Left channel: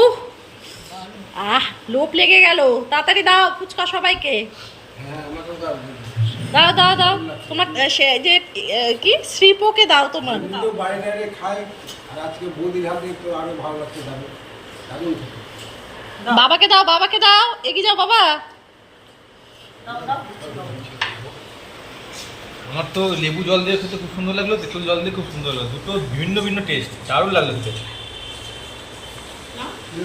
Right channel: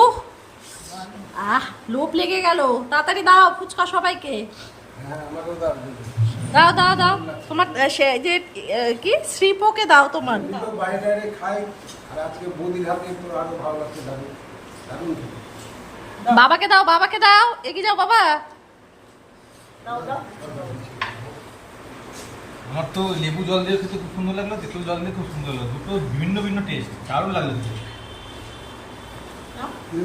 উহ! আহ লোভ লেগে গেল। তাড়াতাড়ি দাও ফুচকা সবাইকে। হ্যাঁ দাও দাও দাও। দাও তোমার সে যে কি? শ্রীপোকে দাও তোমার। বাবাকে দাও বাবাকে দাও। এগিয়ে যাও বাবা। আমার তো লেবু জল দিয়ে খেতে খুব সুন্দর লাগল তেঁতুল জল দিয়ে খুব সুন্দর লাগল। দুটো ভিন্ন ভিন্ন টেস্ট দারুণ লাগল খেতে। শুভ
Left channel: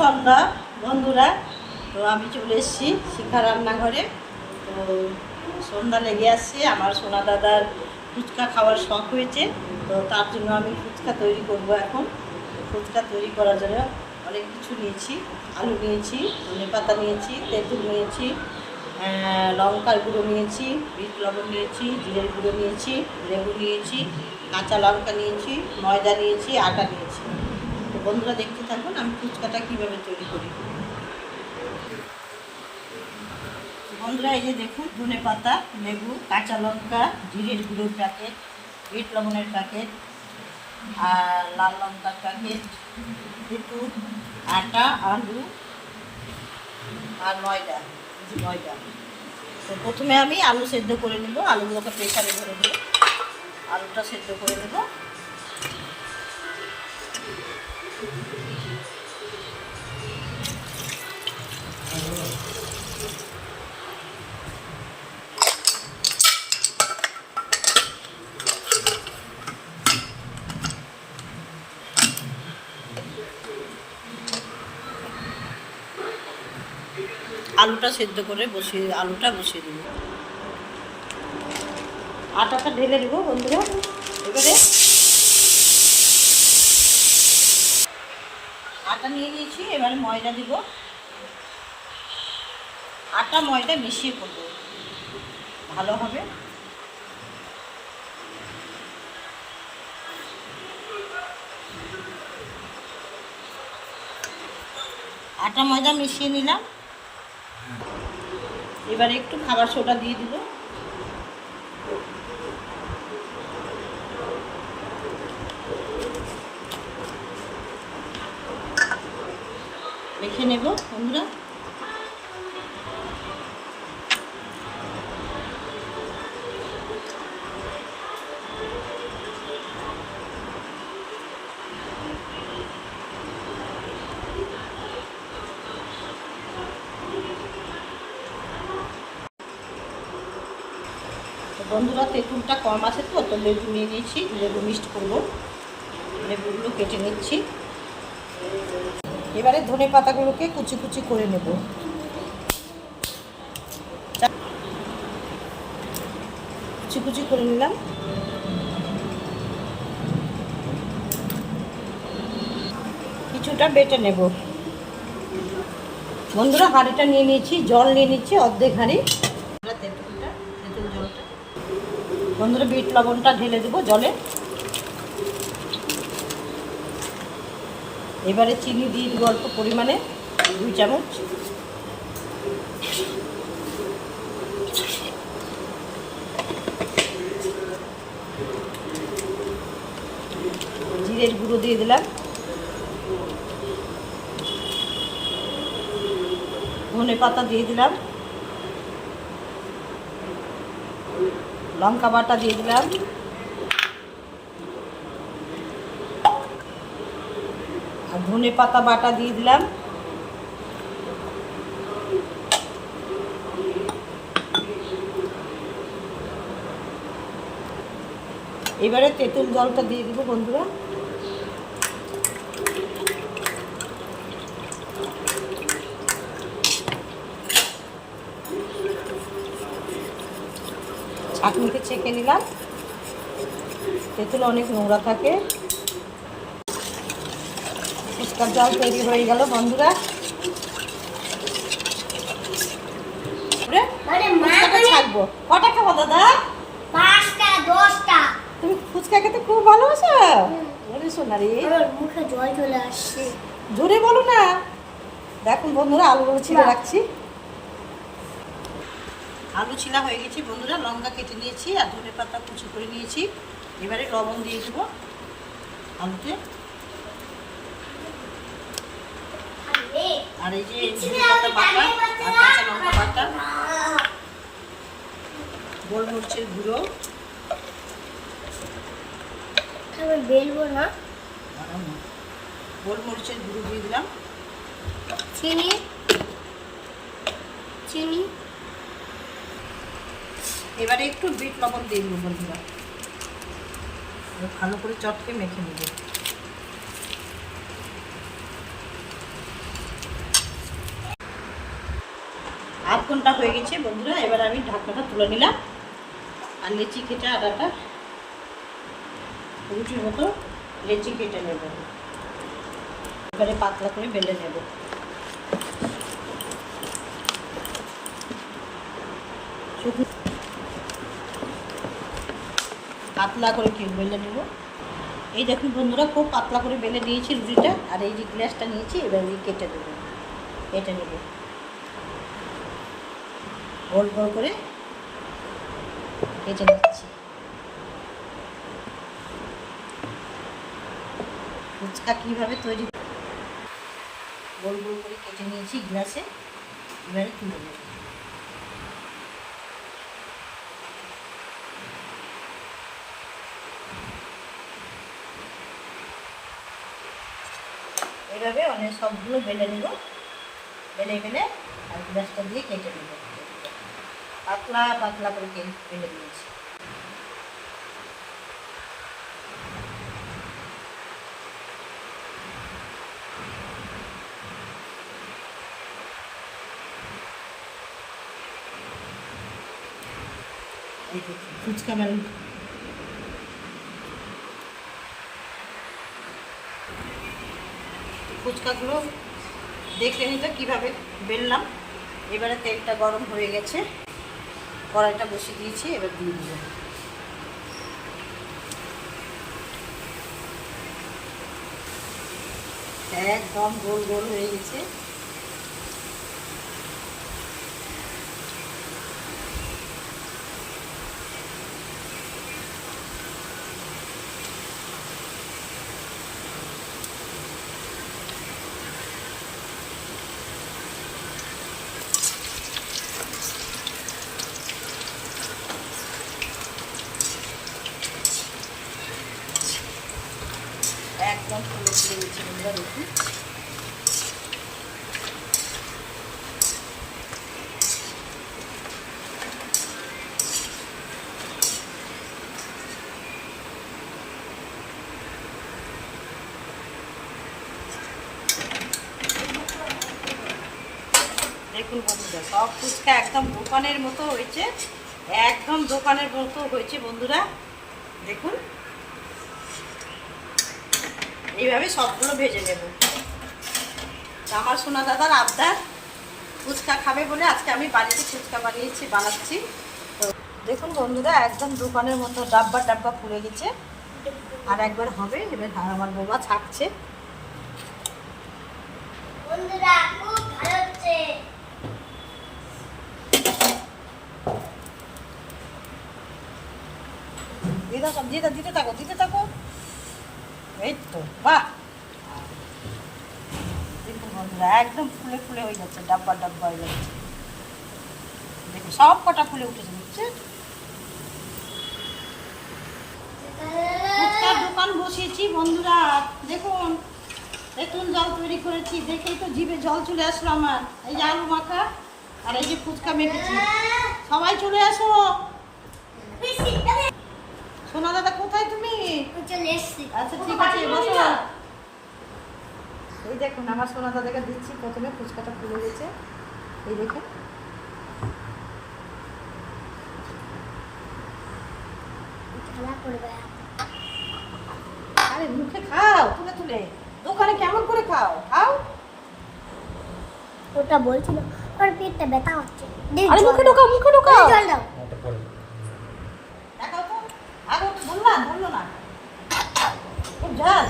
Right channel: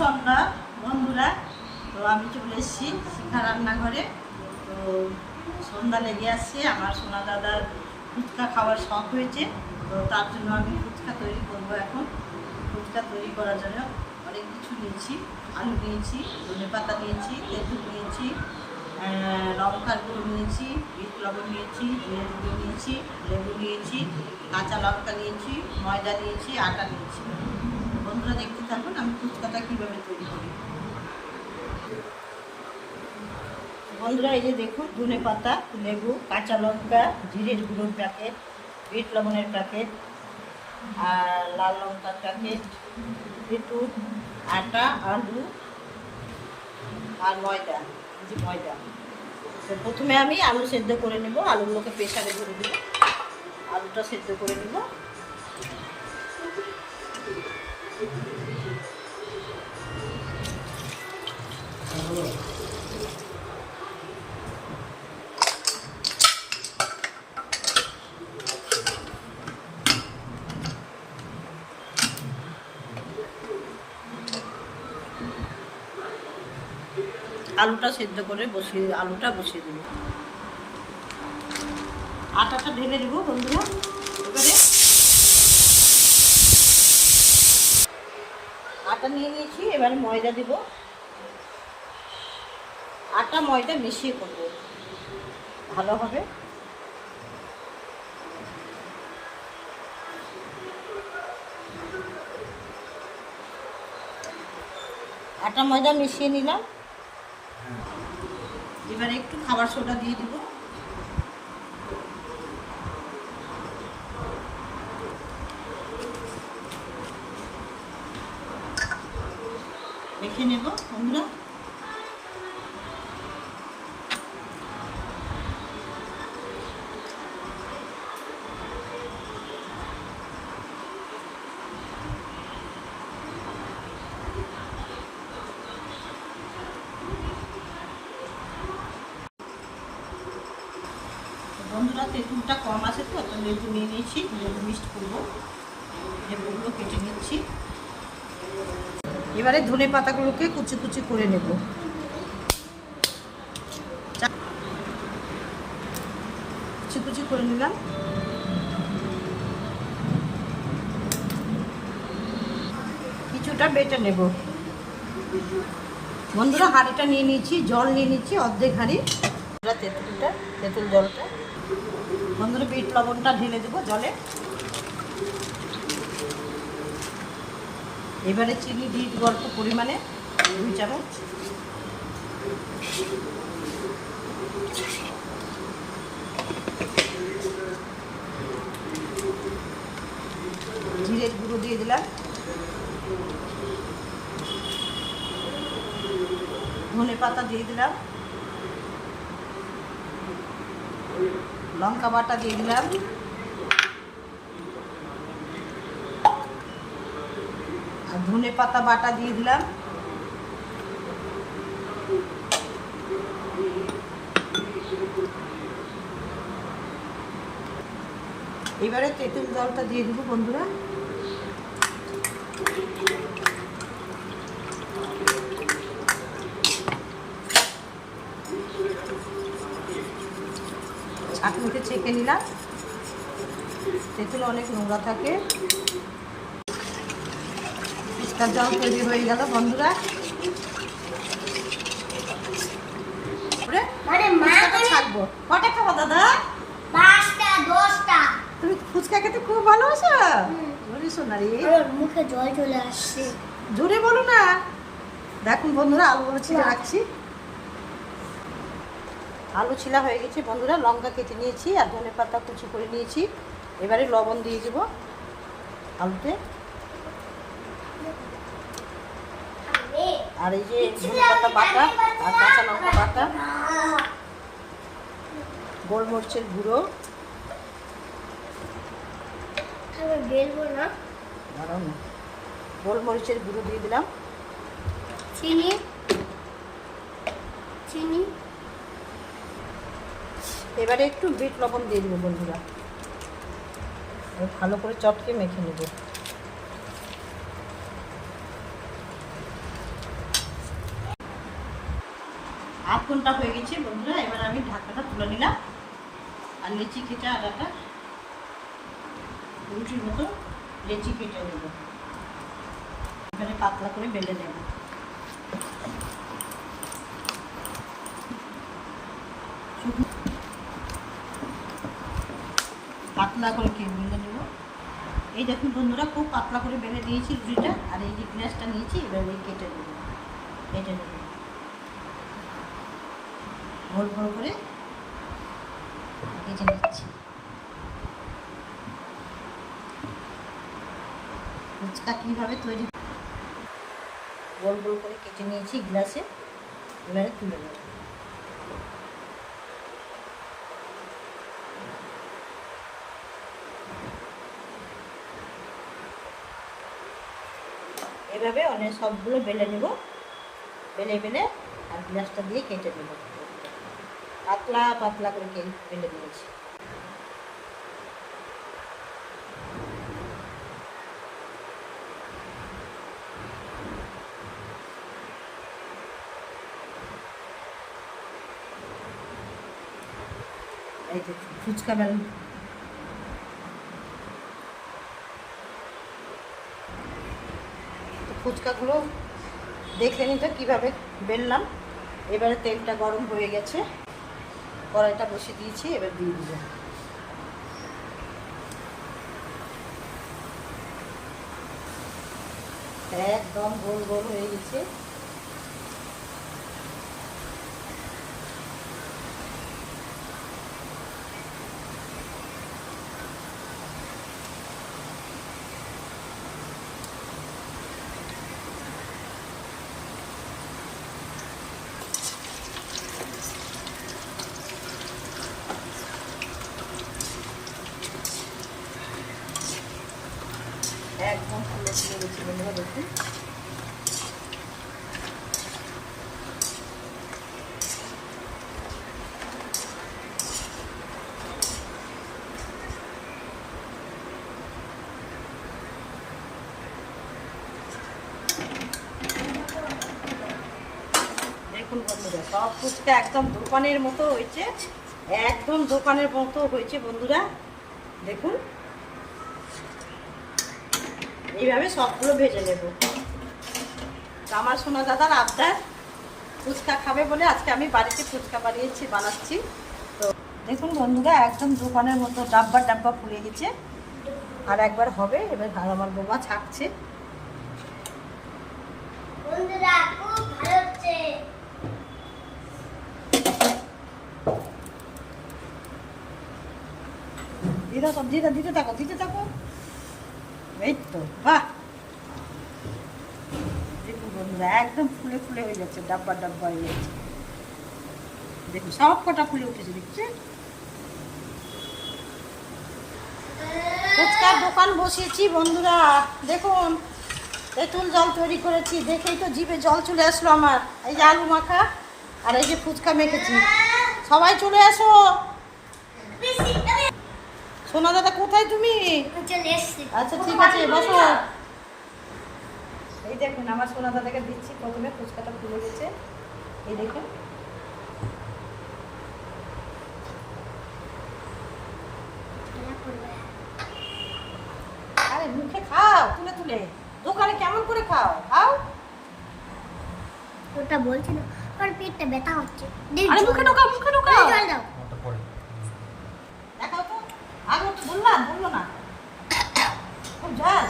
সন্ধ্যা বন্ধুরা। তো আমি চলে এসেছি শিখা রান্নাঘরে। তো সন্ধ্যা লেগে আসছে আমার সোনা দাদার ফুচকা খাওয়ার শখ হয়েছে। তো তার জন্য আমি ফুচকা তৈরি করব এখন। ফুচকা তৈরি করার জন্য অনেক কিছু নিয়েছি, আলু নিয়েছি, ধনে পাতা নিয়েছি, তেঁতুল নিয়েছি লঙ্কার গুঁড়ো নিয়েছি, বিট লবণ নিয়েছি, জিরের গুঁড়ো নিয়েছি, লেবু নিয়েছি, কাঁচা লঙ্কা নিয়েছি, ময়দা নিয়েছি, আটা নিয়েছি। তো বন্ধুরা দেখতে থাকুন, আমি ফুচকাটা কীভাবে তৈরি করি। বন্ধুরা, এই যে দেখুন, ধনে পাতা, লেবু, কাঁচা লঙ্কা, জিরের গুঁড়োর প্যাকেট, বিট লবণের প্যাকেট, আর লাল লঙ্কার প্যাকেট, তেঁতুল। আটা, আলু আর ময়দা ময়দা। তো প্রথমে আমি আলু সেদ্ধ করে নেব, আলুগুলোকে প্রেশারে ধরে দেবো আলুটা সেদ্ধ করে নেব। আলুটা সেদ্ধ করে বসিয়ে, আলুটা বসিয়ে দেবো। আটাটা ঢেলে দেবো বন্ধুরা। এবারে আটা নিয়ে নিয়েছি, এবারে ময়দা দেবো। আটা ময়দা মিশিয়ে করব। ভালো হবে। আটা ময়দা মিশিয়ে নিলাম। এবারে একটু খাবার সোডা দিয়ে দিব দেখে নেব বন্ধুরা। লেবু নিয়ে নিয়েছি, লেবু মিক্সড করব। লেবুগুলো কেটে নিচ্ছি। এবারে ধনে পাতাগুলোকে কুচি কুচি করে নেব। কুচি কুচি করে নিলাম। কিছুটা বেটে নেব। বন্ধুরা, হাঁড়িটা নিয়ে নিয়েছি, জল নিয়ে নিচ্ছি, অর্ধেক হাঁড়ি। তেঁতুলটা তেঁতুল জলটা বন্ধুরা, বিট লবণটা ঢেলে দেবো জলে। এবারে চিনি দিয়ে দেবো অল্প পরিমাণে, দুই চামচ। জিরের গুঁড়ো দিয়ে দিলাম। ধনে পাতা দিয়ে দিলাম। লঙ্কা বাটা দিয়ে দিলাম। আর ধনে পাতা বাটা দিয়ে দিলাম। এবারে তেঁতুল জলটা দিয়ে দিব বন্ধুরা। ছাঁকনিতে ছেঁকে নিলাম। তেঁতুল অনেক নোংরা থাকে। ফুচকার জল তৈরি হয়ে গেল বন্ধুরা। মানে কটা খাব দাদা? তুমি ফুচকা খেতে খুব ভালোবাসো? সোনারি মুখে জল চলে আসছে। জোরে বলো না। দেখুন বন্ধুরা আলুগুলো ছিলে রাখছি। আলু ছিলা হয়ে গেছে। বন্ধুরা লঙ্কা কেটে নিয়েছি আর ধনে পাতা কুচি করে নিয়েছি। এবারে লবণ দিয়ে দেবো আলুতে। আর এই যে ধনে পাতা বাটা আর কাঁচা লঙ্কা বাটা গোলমরিচের গুঁড়ো। বেলবো না। গোলমরিচের গুঁড়ো দিয়ে দিলাম। চিনি। চিনি। এবারে একটু বিট লবণ দিয়ে দেবো বন্ধুরা। ভালো করে চটকে মেখে নেব। আধ ঘণ্টা হয়ে গেছে বন্ধুরা, এবার আমি ঢাকনাটা তুলে নিলাম। আর লেচি কেটে আদাটা রুটির মতো লেচি কেটে নেব। এবারে পাতলা করে বেলে নেব। শুকনো পাতলা করে কি বেলে নেব? এই দেখুন বন্ধুরা, খুব পাতলা করে বেলে নিয়েছি রুটিটা, আর এই যে গ্লাসটা নিয়েছি, এবার কেটে দেবো কেটে নেব। গোল গোল করে কেটে নিচ্ছি। ফুচকা কীভাবে তৈরি? গোল গোল করে কেটে নিয়েছি গ্লাসে, এবারে তুলে নেব। এভাবে অনেক সবগুলো বেলে নেব। বেলে বেলে আর গ্লাসটা দিয়ে কেটে নেব। পাতলা পাতলা করে বেলে নিয়েছি। ফুচকা বেল ফুচকাগুলো দেখে নিতে কীভাবে বেললাম। এবারে তেলটা গরম হয়ে গেছে। কড়াইটা বসে দিয়েছি, এবার দিয়ে দিব একদম গোল গোল হয়ে গেছে। দেখুন বন্ধুরা সব ফুচকা একদম দোকানের মতো হয়েছে একদম দোকানের মতো হয়েছে বন্ধুরা। দেখুন। এইভাবে সবগুলো ভেজে নেব। আমার সোনা দাদার আবদার ফুচকা খাবে বলে আজকে আমি বাড়িতে ফুচকা বানিয়েছি বানাচ্ছি। তো দেখুন বন্ধুরা একদম দোকানের মতো ডাব্বা ডাব্বা ফুলে গেছে। আর একবার হবে এবার আর আমার বোমা ছাকছে বন্ধুরা খুব ভালো হচ্ছে। দিদা সব দিদা দিতে থাকো দিতে থাকো। এই একদম ফুলে ফুলে হয়ে যাচ্ছে, ডাব্বা ডাব্বা হয়ে যাচ্ছে। দেখুন, সব কটা ফুলে উঠেছে, দেখছেন? ফুচকার দোকান বসিয়েছি বন্ধুরা, দেখুন। তেঁতুল জল তৈরি করেছি, দেখেই তো জিভে জল চলে আসলো আমার। এই যে আলু মাখা আর এই যে ফুচকা মেখেছি। সবাই চলে আসো সোনা দাদা, কোথায় তুমি? আচ্ছা ঠিক আছে বসো। এই দেখুন আমার সোনা দাদাকে দিচ্ছি প্রথমে ফুচকাটা খুলে দিয়েছে এই দেখুন। আরে মুখে খাও তুলে তুলে। দোকানে কেমন করে খাও? খাও। ওটা বলছিল ওর পেটটা ব্যথা হচ্ছে। আরে মুখে ঢোকাও মুখে ঢোকাও। জল দাও দেখাও তো আগে একটু বললাম বলল না খুব ঝাল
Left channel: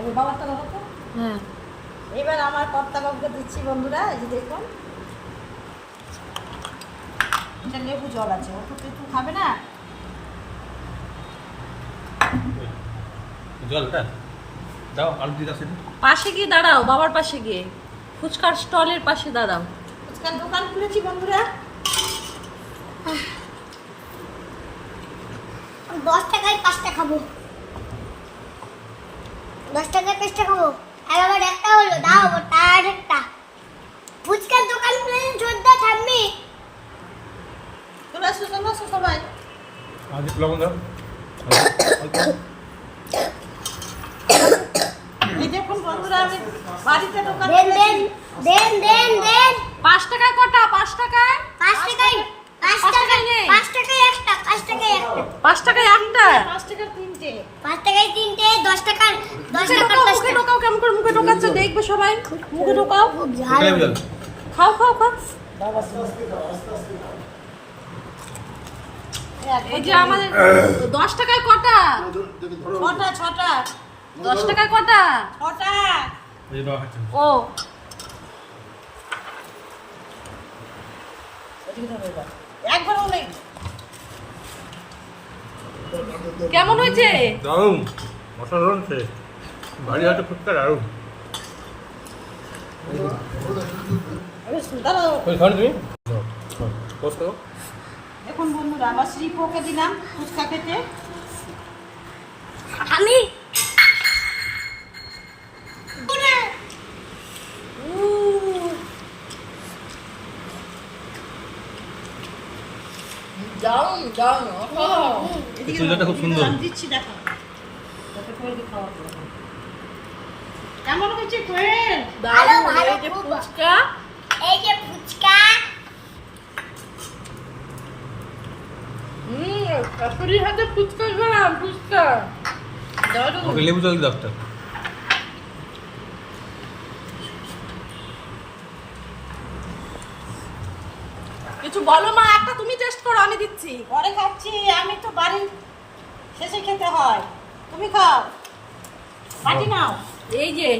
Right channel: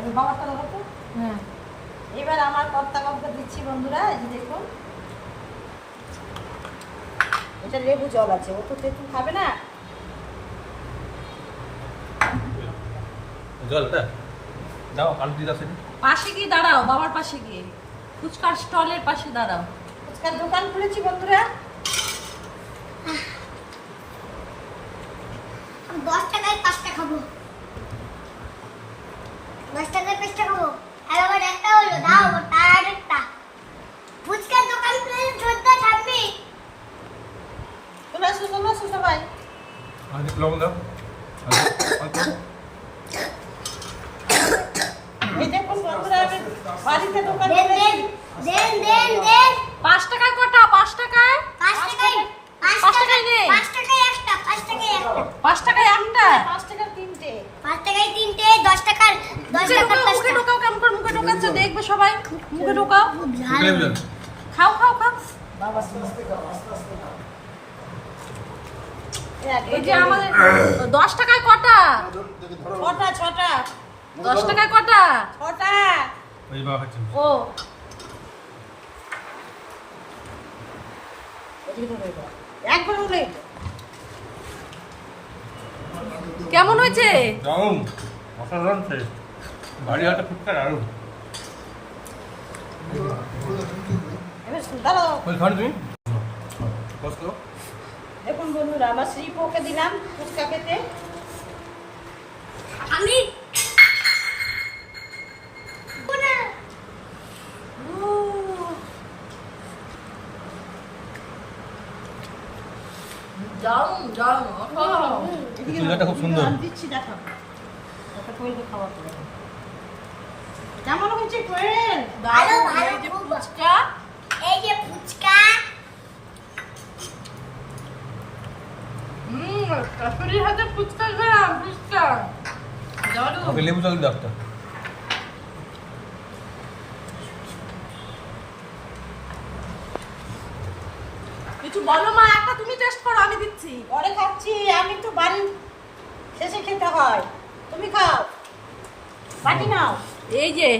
ওই বাবারটা ধরো তো। হ্যাঁ এবার আমার কর্তা কাউকে দিচ্ছি বন্ধুরা এই যে দেখুন। এটা লেবু জল আছে ও তো তেঁতুল খাবে না? জলটা? দাও আলু পাশে গিয়ে দাঁড়াও বাবার পাশে গিয়ে। ফুচকার স্টলের পাশে দাঁড়াও। ফুচকার দোকান খুলেছি বন্ধুরা। আমি দশ টাকায় পাঁচটা খাব। দশ টাকায় পাঁচটা খাব। আর আমার একটা হলো দাও তার একটা ফুচকার দোকান খুলে জোরদার ঠাম্মি চলে আসো চলে আসো সবাই আমাদের লবণ দাও অল্প। এই দেখুন বন্ধুরা আমি বাড়িতে দোকান দেন দেন খুলেছি। দেন দেন দেন। পাঁচ টাকায় কটা? পাঁচ টাকায়? পাঁচ টাকায় পাঁচ পাঁচ টাকায় নেই। পাঁচ টাকায় একটা পাঁচ টাকায় একটা। পাঁচ টাকায় একটা? পাঁচ টাকার তিনটে। পাঁচ টাকায় তিনটে দশ টাকার দশ মুখে টাকার ঢোকাও মুখে ঢোকাও কেমন করে? মুখে ঢোকাচ্ছে? দেখবে সবাই। মুখে ঢোকাও। খুব মুখে ঝাল লেবু জল খাও খাও খাও এই যে আমাদের দশ টাকায় কটা? ছটা ছটা। দশ টাকায় কটা? ছটা। ও। একবার হলে কেমন হয়েছে? দারুণ। অসাধারণ টেস্ট বাড়ি হাতে ফুচকা দারুণ। তুমি? কষ্ট দেখুন বন্ধুরা আমার শ্রীপোকে দিলাম ফুচকা খেতে। আমি? খুব সুন্দর। দিচ্ছি দেখো। কেমন হয়েছে এই যে ফুচকা এই যে ফুচকা হুম শাশুড়ির হাতে ফুচকা খেলাম ফুচকা। ওকে লেবু জল দাও একটা। কিছু বলো মা একটা তুমি টেস্ট করো আমি দিচ্ছি। পরে খাচ্ছি আমি তো বাড়ির শেষে খেতে হয়। তুমি খাও। বাটি নাও। এই যে।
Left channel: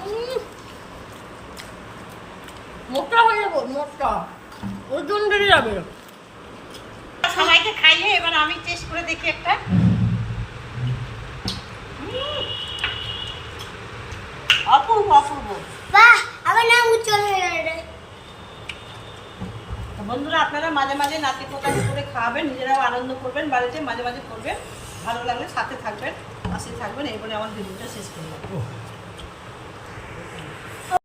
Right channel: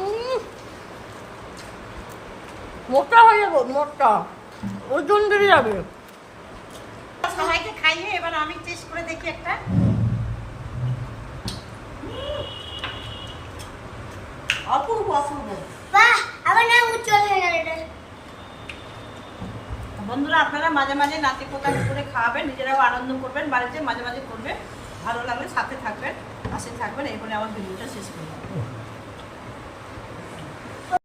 উম, মোটা হয়ে যাব মোটা। ওজন বেড়ে যাবে। খাইয়ে এবার আমি টেস্ট করে দেখি একটা। অপূর্ব অপূর্ব। বাহ আমার নাম উজ্জ্বল হয়ে গেল বন্ধুরা আপনারা মাঝে মাঝে নাতি কোথায় করে খাওয়াবেন নিজেরাও আনন্দ করবেন বাড়িতে মাঝে মাঝে করবেন ভালো লাগলে সাথে থাকবেন পাশে থাকবেন এই বলে আমার ভিডিওটা শেষ করে যাব